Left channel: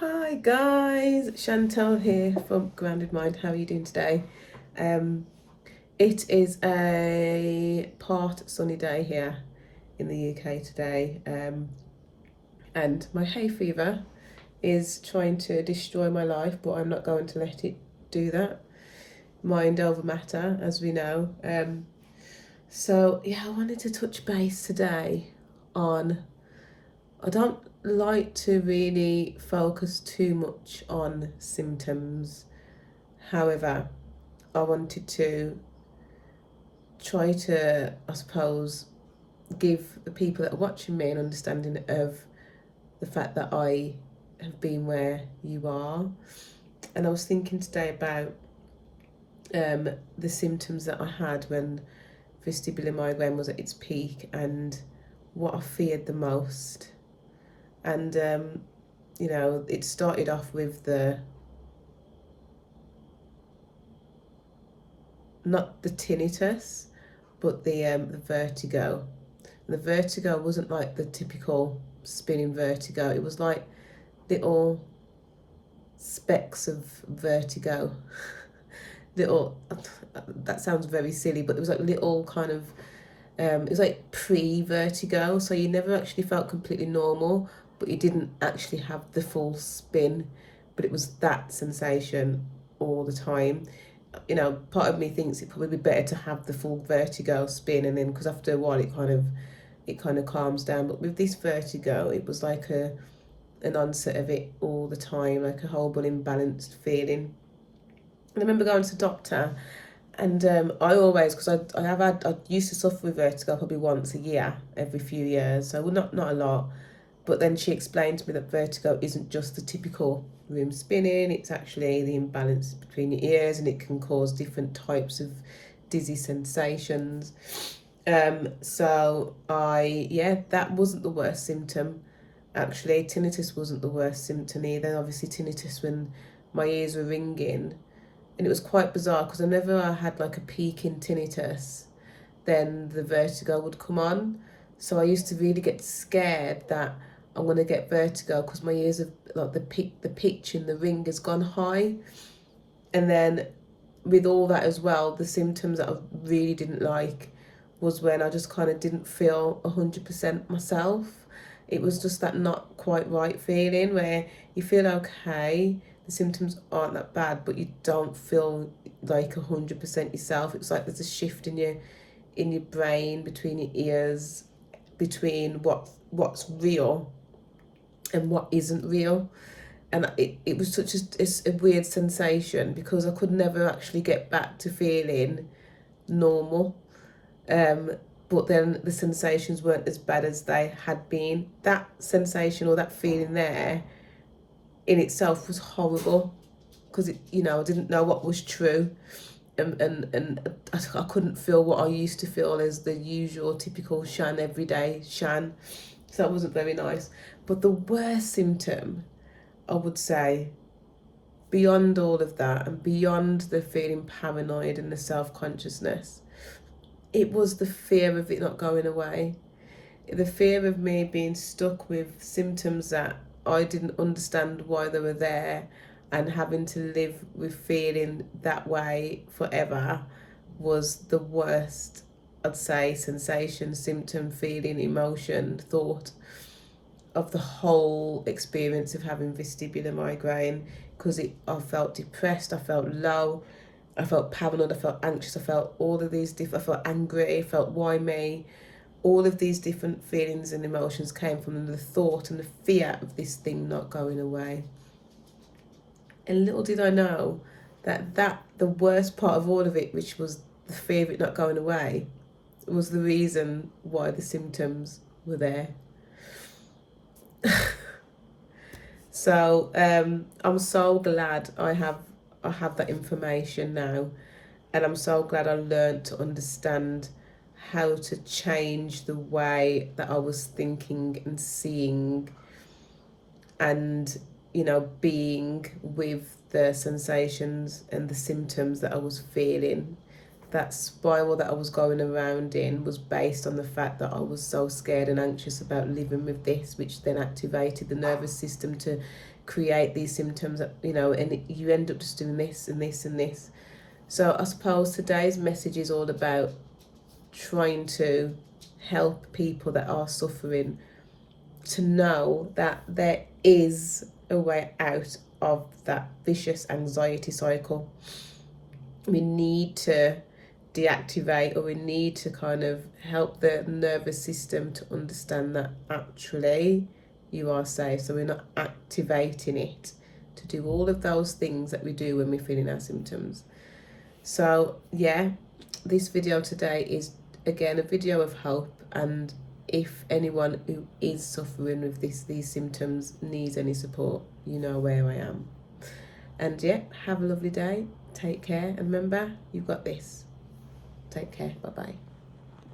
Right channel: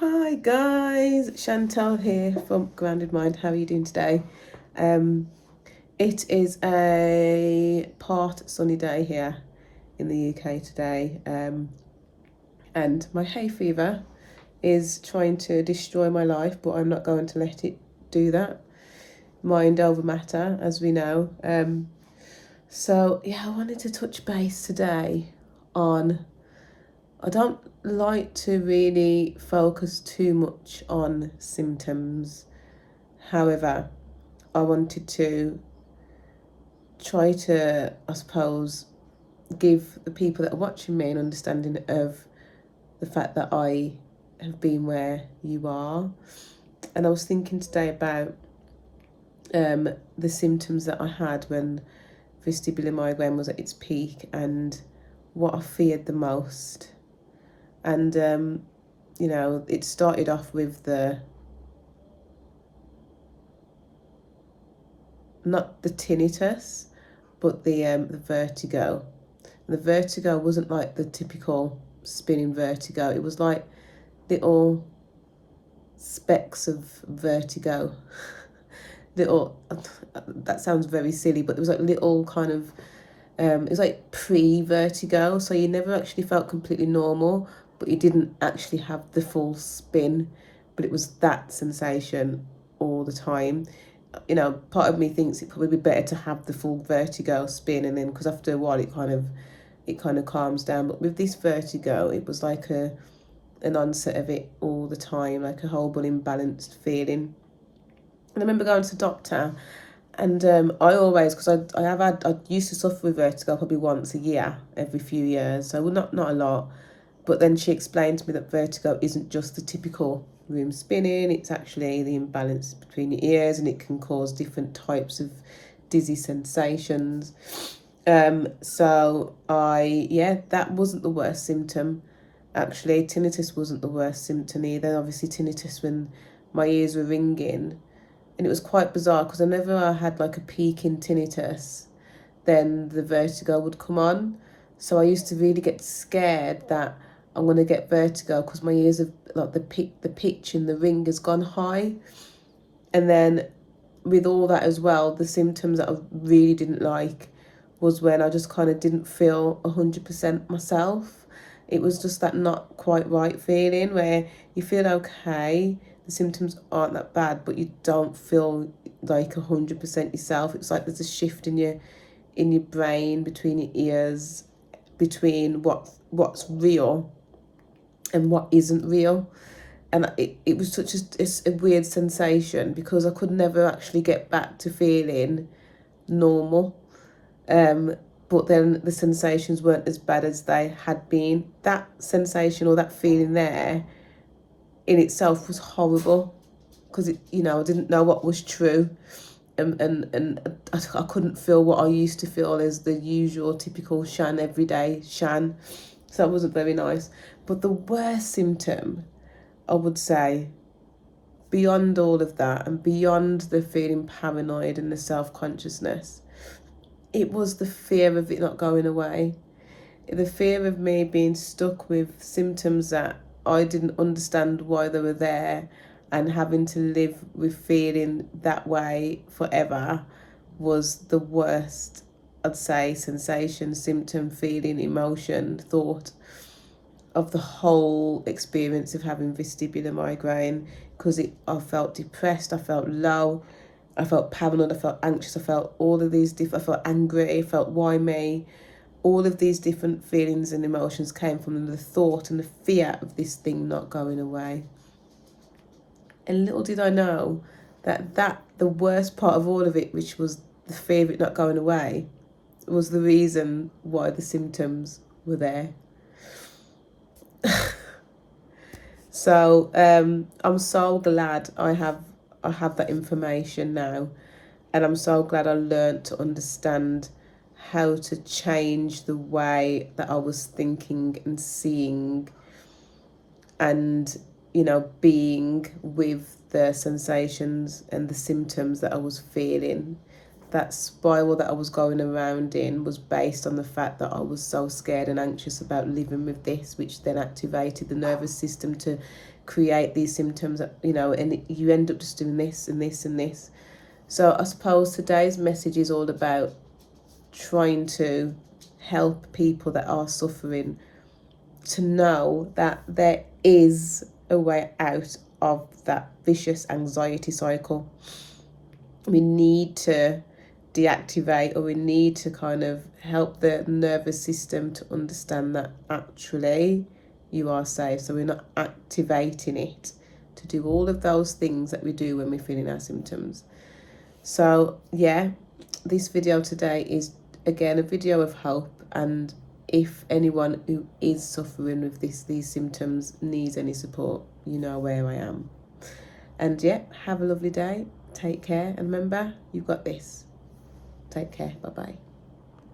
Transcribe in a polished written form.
Hi guys, Chantal here from Grounded Mind. How are you doing today? It is a part sunny day here in the UK today, and my hay fever is trying to destroy my life, but I'm not going to let it do that. Mind over matter, as we know. So yeah, I wanted to touch base today on, I don't like to really focus too much on symptoms. However, I wanted to try to, I suppose, give the people that are watching me an understanding of the fact that I have been where you are. And I was thinking today about the symptoms that I had when vestibular migraine was at its peak and what I feared the most. And it started off with not the tinnitus, but the vertigo. The vertigo wasn't like the typical spinning vertigo. It was like little specks of vertigo. Little, that sounds very silly, but it was like little kind of, it was like pre-vertigo. So you never actually felt completely normal, but you didn't actually have the full spin. But it was that sensation all the time. Part of me thinks it'd probably be better to have the full vertigo spin, and then because after a while it kind of calms down. But with this vertigo, it was like an onset of it all the time, like a horrible imbalanced feeling. And I remember going to the doctor, and I always, because I used to suffer with vertigo probably once a year, every few years, so not a lot. But then she explained to me that vertigo isn't just the typical room spinning, it's actually the imbalance between your ears, and it can cause different types of dizzy sensations. That wasn't the worst symptom. Actually, tinnitus wasn't the worst symptom either. Obviously, tinnitus when my ears were ringing, and it was quite bizarre because whenever I had like a peak in tinnitus, then the vertigo would come on. So I used to really get scared that I'm going to get vertigo because my ears have, like, the pitch in the ring has gone high. And then with all that as well, the symptoms that I really didn't like was when I just kind of didn't feel 100% myself. It was just that not quite right feeling where you feel okay, the symptoms aren't that bad, but you don't feel like 100% yourself. It's like there's a shift in your brain, between your ears, between what's real and what isn't real. And it was such a weird sensation because I could never actually get back to feeling normal. But then the sensations weren't as bad as they had been. That sensation or that feeling there in itself was horrible because I didn't know what was true. And I couldn't feel what I used to feel as the usual typical Shan, everyday Shan. So that wasn't very nice. But the worst symptom, I would say, beyond all of that and beyond the feeling paranoid and the self-consciousness, it was the fear of it not going away. The fear of me being stuck with symptoms that I didn't understand why they were there, and having to live with feeling that way forever was the worst, I'd say, sensation, symptom, feeling, emotion, thought of the whole experience of having vestibular migraine, because I felt depressed, I felt low, I felt paranoid, I felt anxious, I felt all of these different, I felt angry, I felt why me. All of these different feelings and emotions came from the thought and the fear of this thing not going away. And little did I know that the worst part of all of it, which was the fear of it not going away, was the reason why the symptoms were there. So I'm so glad I have that information now, and I'm so glad I learned to understand how to change the way that I was thinking and seeing and being with the sensations and the symptoms that I was feeling. That spiral that I was going around in was based on the fact that I was so scared and anxious about living with this, which then activated the nervous system to create these symptoms, you know, and you end up just doing this and this and this. So I suppose today's message is all about trying to help people that are suffering to know that there is a way out of that vicious anxiety cycle. We need to deactivate, or we need to kind of help the nervous system to understand that actually you are safe. So we're not activating it to do all of those things that we do when we're feeling our symptoms. So yeah, this video today is again a video of hope, and if anyone who is suffering with these symptoms needs any support, you know where I am. And yeah, have a lovely day, take care, and remember, you've got this. Take care, bye bye.